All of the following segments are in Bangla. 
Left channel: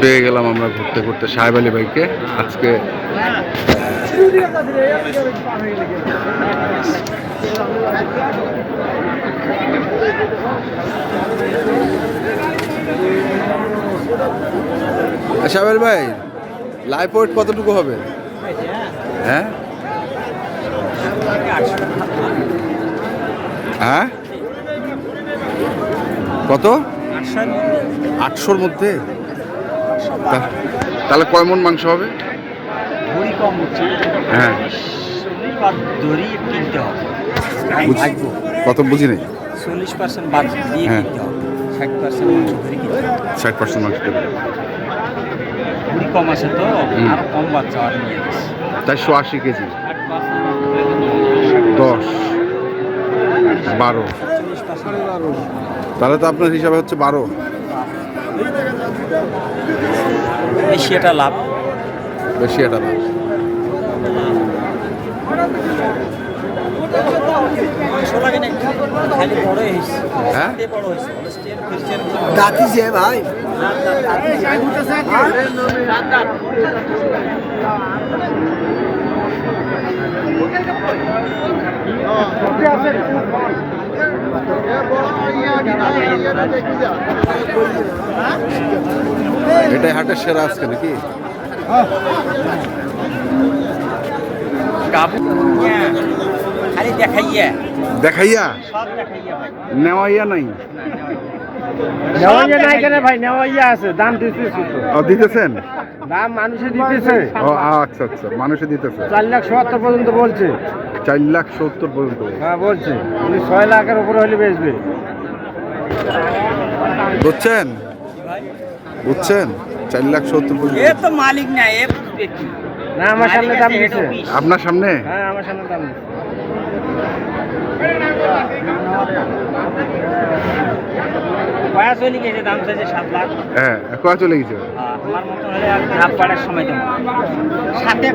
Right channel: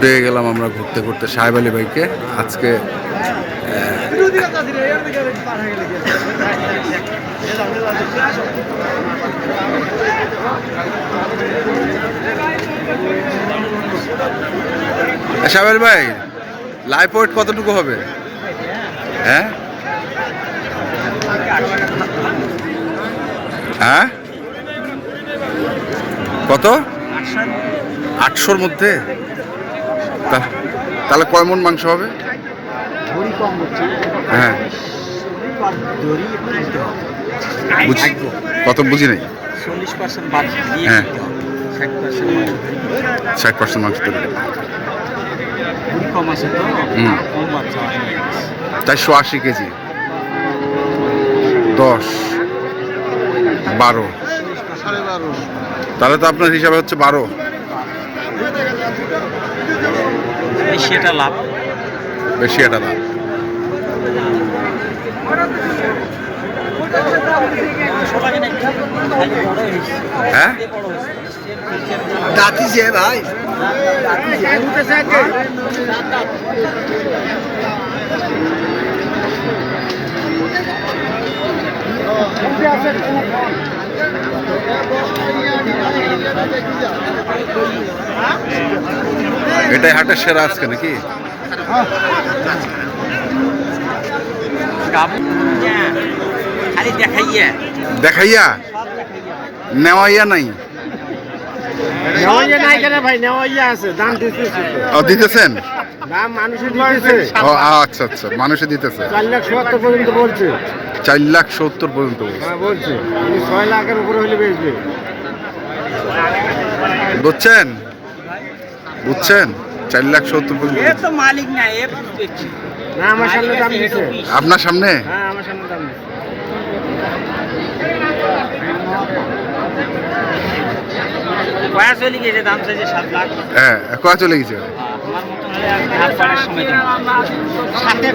পেয়ে গেলাম আমরা ঘুরতে ঘুরতে সাহেব আলী ভাইকে। আজকে সাহেব ভাই লাইফ ওয়েট কতটুকু হবে? হ্যাঁ? হ্যাঁ? কত? আটশোর মধ্যে? তা- তাহলে কয় মন মাংস হবে? ভরি কম হচ্ছে। হ্যাঁ। কত বুঝি নাই? হ্যাঁ। ষাট পার্সেন্ট মাংস তৈরি। চারশো আশি কেজি। দশ বারো। তাহলে তো আপনার হিসাবে হচ্ছে বারো। বেশি এটা লাভ? বেশি এটা হয়েছে। হ্যাঁ? দাঁতি যে ভাই। এটাই হাটের সেরা আজকে নাকি? দেখাইয়া? দেখাইয়া নেওয়াইয়া নাই? দিতেছেন? আচ্ছা আচ্ছা মানুষে দিতেছে। চার লাখ সত্তর পর্যন্ত বলছে। চার লাখ সত্তর পর্যন্ত বলছে। হ্যাঁ ছয় লাখের উপরে হলে বেচবে। বুঝছেন বুঝছেন? চার লাখ সত্তর পর্যন্ত মালিক না না আমার সামনে দাম আপনার সামনে? হ্যাঁ আমার সামনে দাম দিচ্ছে বয়স হয়ে গেছে দাম চাইছে সাত লাখ। হ্যাঁ কয়া চলে গেছে? আমার মতো হলে আর হাত পাড়ার সময় দেবো সাথে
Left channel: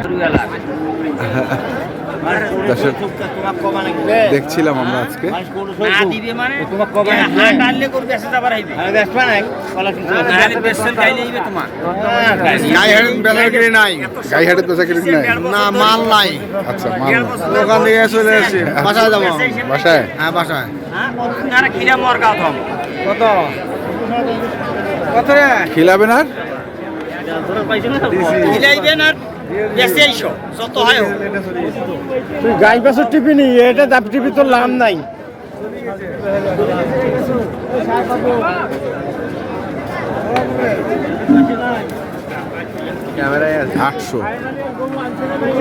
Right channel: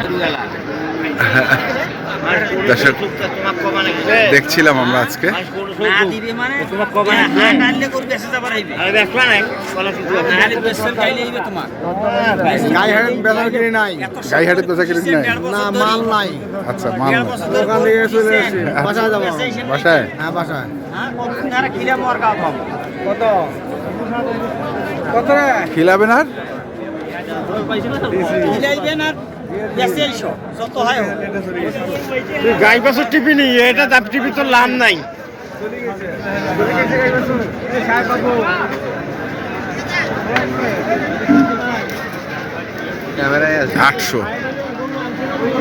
দর্শক দেখছিলাম আমরা আজকে। না দিবে মানে তোমার কমা নাকি কাটলে করবে এসে যাবার আইবে। আরে দেখবা না আরে বেসন খাইলে আইবে তোমার। নাই। না মাল নাই। আচ্ছা মাল দোকান থেকে চলে এসেছি বাসায় যাব। বাসায়? হ্যাঁ বাসায়। হ্যাঁ কতদিন খিরা মর গাও থাম কত? কত রে? খিলাবেন আর? খিলাইবেন আর বেশি যত হয় হোক। তুই গাই বাছুর টিপি নি এটা দাপ টিপি তোর লাভ নাই। আটশো।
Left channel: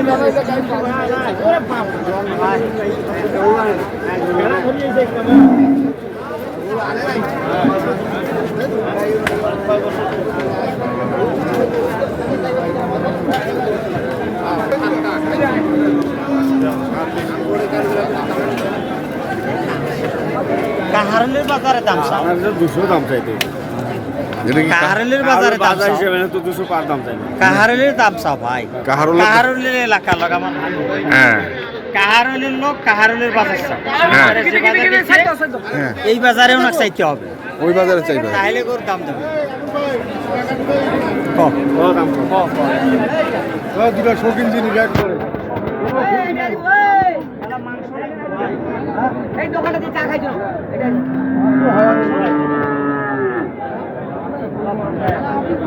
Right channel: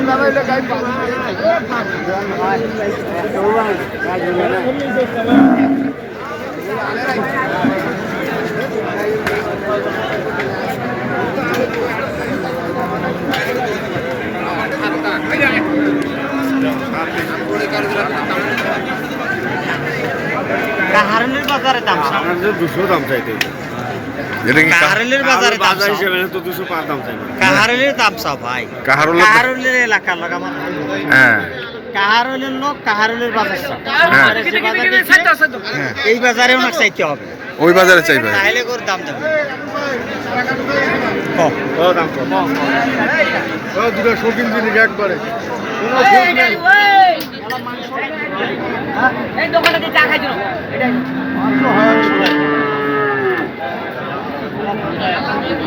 বাজারে দাম দুশো দাম চাইতে। এটা কি কাহারলের বাজারে দাম তো দুশো পাঁচ দাম চাই কাহারলের দাম চা ভাই? কাহারলের কাহারলের এলাকা লাগা আমার হ্যাঁ। কাহারলের লোক কাহারলের বাজার হ্যাঁ। এই বাজারে ওনাকে চাইতে হবে। ওই বাজারে চাইবে। তাহলে করে দাম দেবে। দুটো শৌখিন জিনিস একবারে।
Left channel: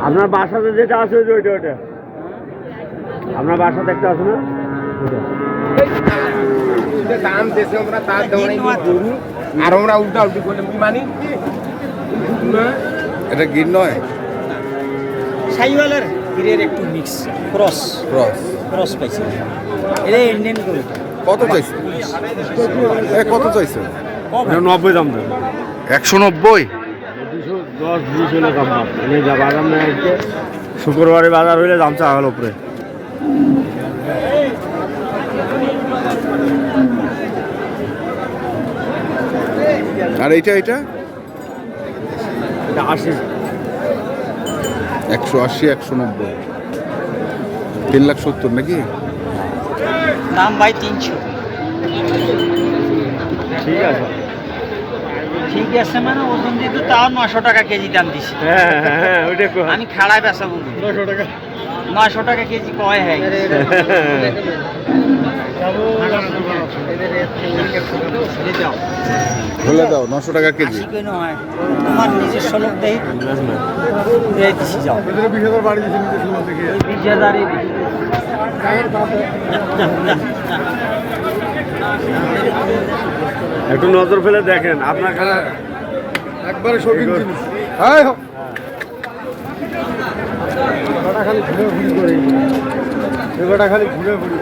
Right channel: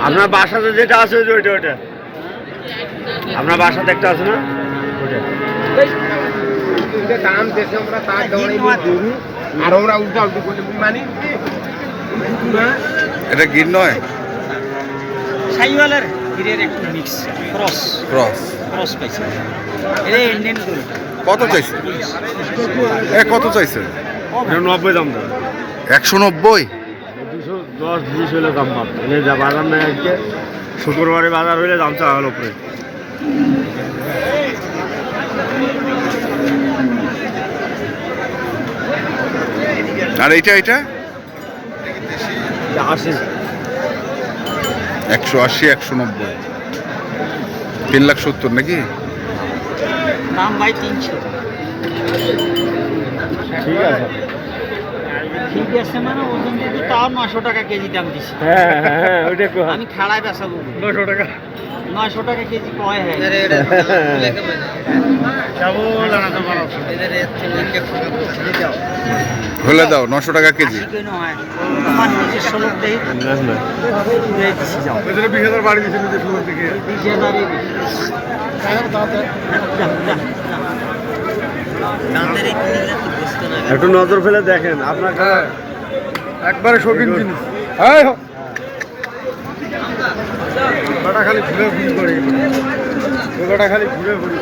আপনার বাসাতে যেটা আছে ওইটা ওইটা। আপনার বাসাতে একটা আছে না? ওইটা। দাম দেশে আমরা তার গরু আর আমরা উল্টা উল্টি করে। মানি এটা গির নয়? সাইওয়ালের হিরের একটু মিক্স ক্রস ক্রস ক্রস পাইছে। এটা ইন্ডিয়ান গরু। কত চাইছে? এ কত চাইছে? নব্বই দাম দাম একশো নব্বই? দুশো দশ বিশ হলে দাম পাব। এলে যা বাজার নেই আজকে শুক্রবারে বাজার হইলে দাম চা হলো উপরে। আর এইটা এটা আশি। একশো আশি একশো নব্বই। তিন লাখ সত্তর নাকি? দাম ভাই তিনশো। ঠিক আছে। ঠিক আছে মানে ওজন দিয়ে তাও নশো টাকা কেজি দাম দিছি। হ্যাঁ হ্যাঁ হ্যাঁ ওইটা আমি খাড়ায় বেচা বলব নশো টাকা। নশো টাকা কেজি কয় হয় যাব দাও নশো টাকা কেজি হয় আমার হাজার একটু নজর ফেলে দেখেন আপনাকে একবারে শৌখিন জিনিস হোক। ওটা খালি ঘুরে ঘুরি করে ওটা খালি ঘুরে ঘুরি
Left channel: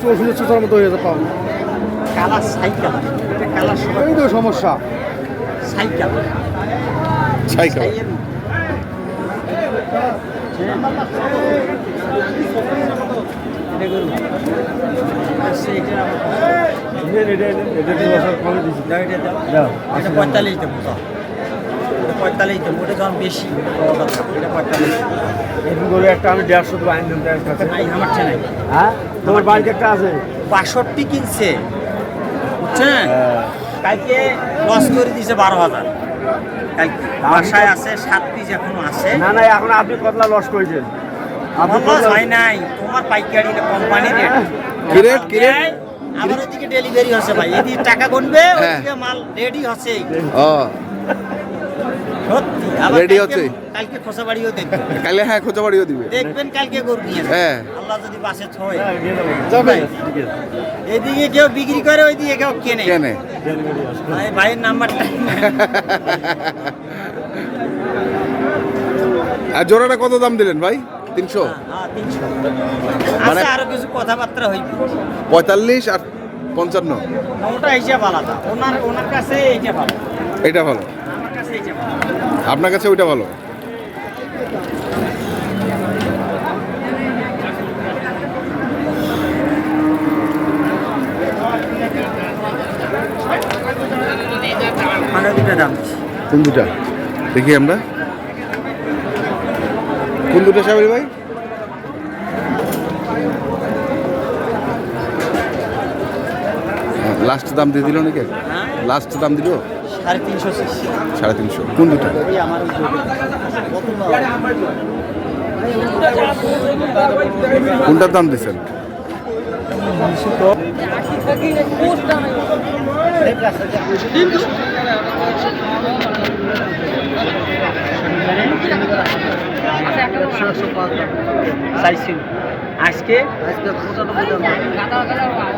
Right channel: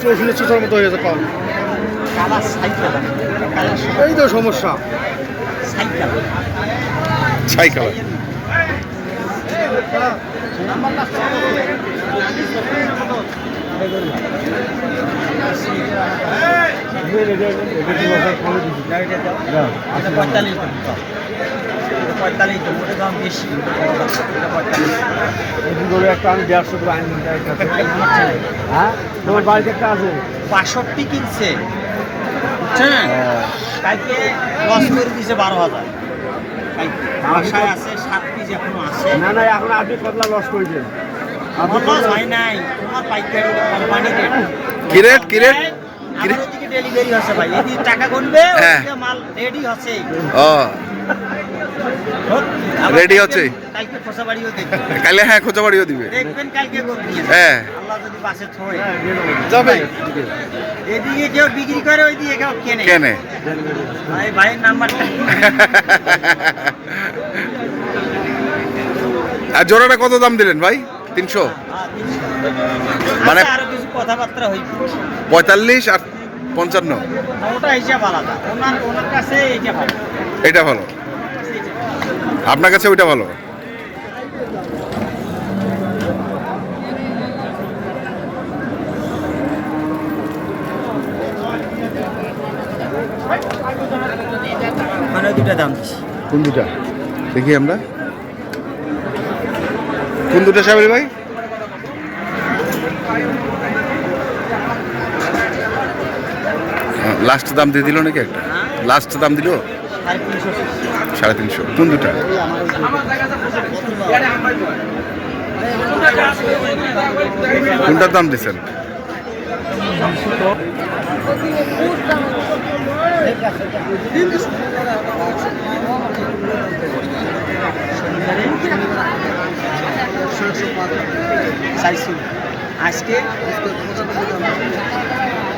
চৌষট্টি চোষার মতো হয়ে যাবে পাও কালার সাইকেল কালার এই তো সমস্যা সাইকেল আচ্ছা পঁয়তাল্লিশ পঁয়তাল্লিশ দেবো ওটা দাম বেশি ওটা বড় কথা এটা পঁয়তাল্লিশ একটা আমি দেড়শো দেবো আইন আমার হ্যাঁ? তোমার বাড়িতে একটা আছে? বাষট্টি কিনছে। বুঝছেন কালকে লস করে দিছে বারো হাজার। কালকে। বাসায় আছে সাত পিস এখনও আছে। না না এখন আপনি কতলা লস করেছেন? আমার লস হয় নাই। তোমার পাইকারি কোম্পানি রেট কি রেট কি রেট আমার ওদিকে ডেলিভারি হচ্ছে ভাই। এদিকে টাকা গুনবে হ্যাঁ। ওদিকে মাল রেডি হচ্ছে। ও। আবার Ready কালকে- হচ্ছে? কালকে খোসা বাড়িও দেখবেন। কালে হ্যাঁ খোঁজা বাড়িও দিবে। দেখবেন কালকে করবি হ্যাঁ। আল্লাহ যদি বাসে থয়। হ্যাঁ। যাবে। এদিকে কেউ বিক্রি করে ওইদিকে কেউ কেনে। কেনে। ভাই ভাইয়ের নাম্বারটা আর জোড়াটা কত দাম দিলেন ভাই? তিনশো? হ্যাঁ, মানে- আচ্ছা, আরও কিছু কথাবার্তা হইবে পঁয়তাল্লিশ আর পঞ্চান্ন? ওটা হিসাব আলাদা ওনার ওনার কাছে এইটা ভালো। এটা ভালো আমার কাছে এইটা ভালো আপনার কাছে ওইটা ভালো? কোন দুটা? দেখি আমরা। কোন দুটা সাহেব ভাই? লাস্ট দাম দিয়ে দিল নাকি একটা? লাস্ট দাম দিল? সাড়ে তিনশো কোন দুটা। কোনটার দাম দিচ্ছেন? আজকে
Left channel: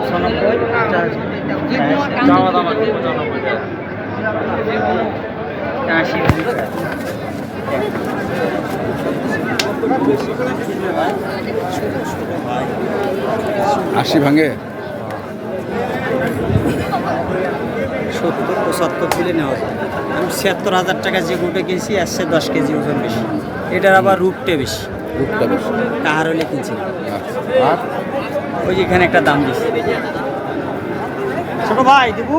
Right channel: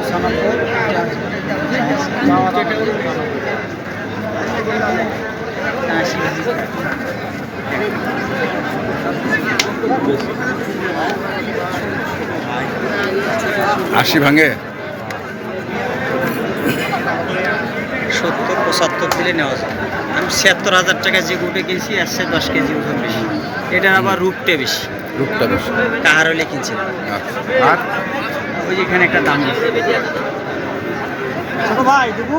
ছনব্বই আশি ভাঙে। সত্তর পঁচাত্তর দিলে নেওয়া যায়। আমি ছিয়াত্তর হাজার টাকা যে গুটে কিনছি আসছে দশ কেজি ওজন বেশি। এটার আবার রূপটে বেশি। রূপটা বেশি। কাহার হলে কিনছি? আচ্ছা। আর? ওই এখানে একটা দাম দিয়েছে ছোট ভাই দেবু।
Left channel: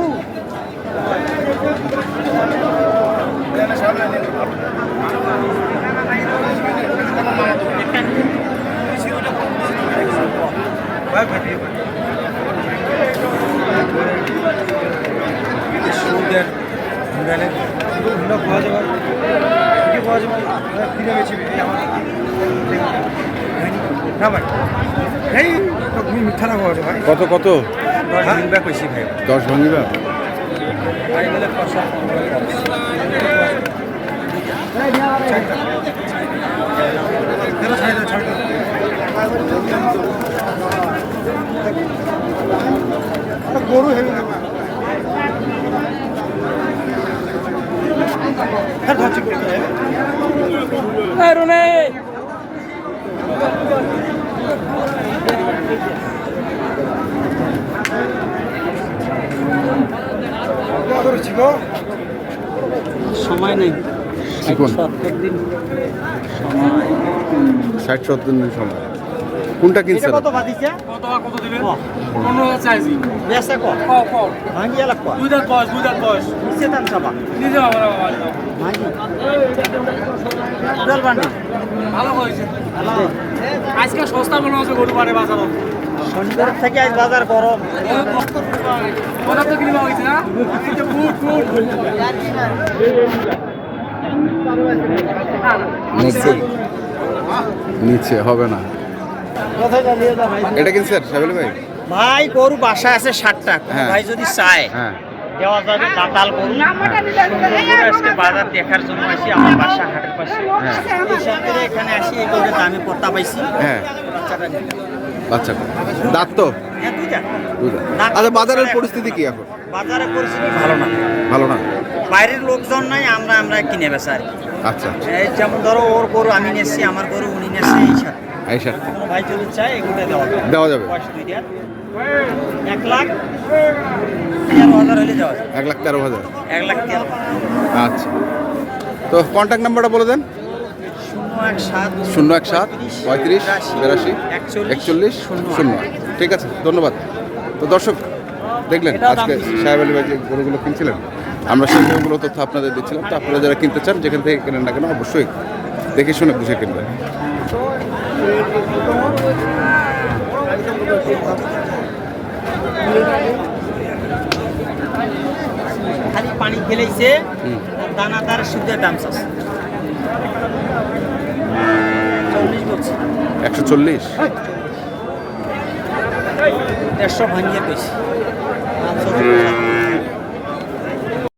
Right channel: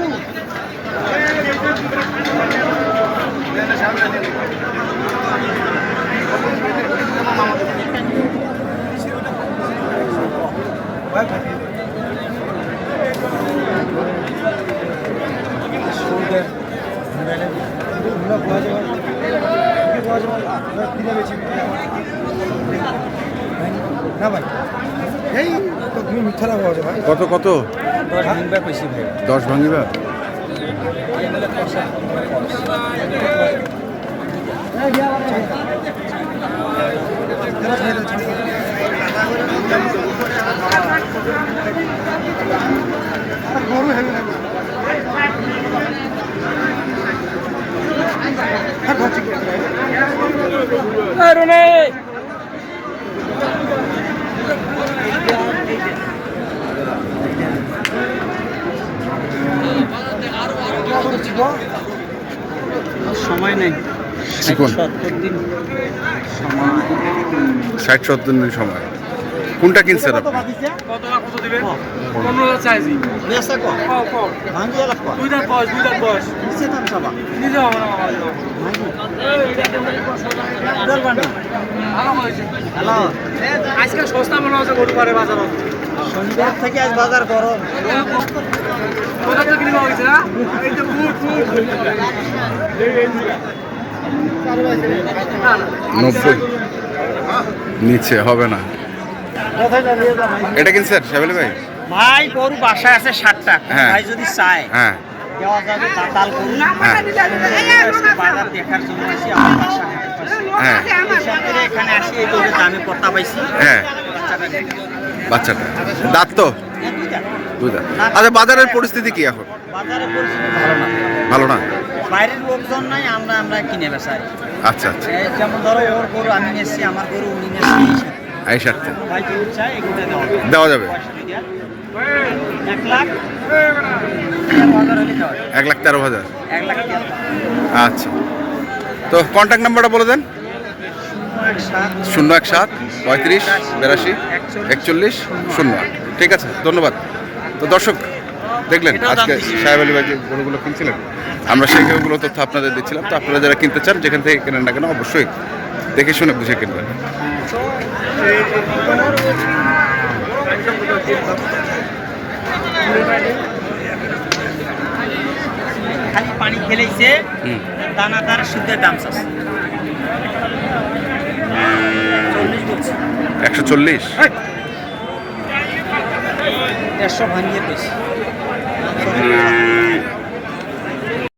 কত কত দশ দিন কইছি ভাই। দশ ভাঙিবা দিন সময় কোনটা কত? আপনি? বাদিছে পনেরো চাইছি বেসে কো কও কও ভাঙ্গি এলাক কো দুই দাঁত বয়স দুই দাঁত বয়স নিচে দাম চাবা আমার বাবা। ভাঙ্গি উদাল বান্ডি ভালো হয়েছে। হ্যালো আজকে সস্তা মনে হচ্ছে গরু বাজার। শনিবার থেকে আজ বাজার গরম। কিনে নব্বই। নিচে হবে না। এটা কিনছেন সাবেল ভাই? ভাই গরু বাসায় আছে ষাটটা হ্যাঁ। ভাই যদি চায় হ্যাঁ। দেওয়া যাবে দাতাল গরু। হ্যাঁ। আজকে বাজার দেখার জন্য আসি আমার বাসা পাশে। হ্যাঁ। এখানে আসি এই গরুর দামে করতে পাইছি। হ্যাঁ। বাচ্চাটা। দাঁত তো? দুই দাঁত আচ্ছা বাজারের পরিস্থিতি কি এখন? বাজারে পরিস্থিতি ভালো না। ভালো না? বাইরের লোকজন নাই আমরা আমরা কিনে বেচা। আচ্ছা আচ্ছা। যেমন ধরো ওর গরু আমি নেছি আমার গরু উনি নেছি এই সাথে। এই কোনো ভাই যদি চায় এগুলো দেওয়া যাবে। এক লাখ। এক লাখ তেরো হাজার? আচ্ছা। তো কন্ট্যাক্ট নাম্বারটা বলে দেন। শূন্য এক সাত পঁয়ত্রিশ বিরাশি। একচল্লিশ? শূন্য আট। ঠিক আছে ধন্যবাদ। তো দর্শক দেখলেন আজকে। সাহেব আলী ভাই যে গরুগুলো কিনছিলেন। আমরা সেই গরুগুলো তথ্য আপনাদের দিচ্ছিলাম। তো আপনারা যারা কিনতে চান যেখান থেকে কেনেন না কেন অবশ্যই দেখে শুনে বুঝে কিনবেন। খালি পানি খেলেইছে দানাদার দাম চল্লিশ বলছি। একশো চল্লিশ। দেড়শো ভাঙিয়ে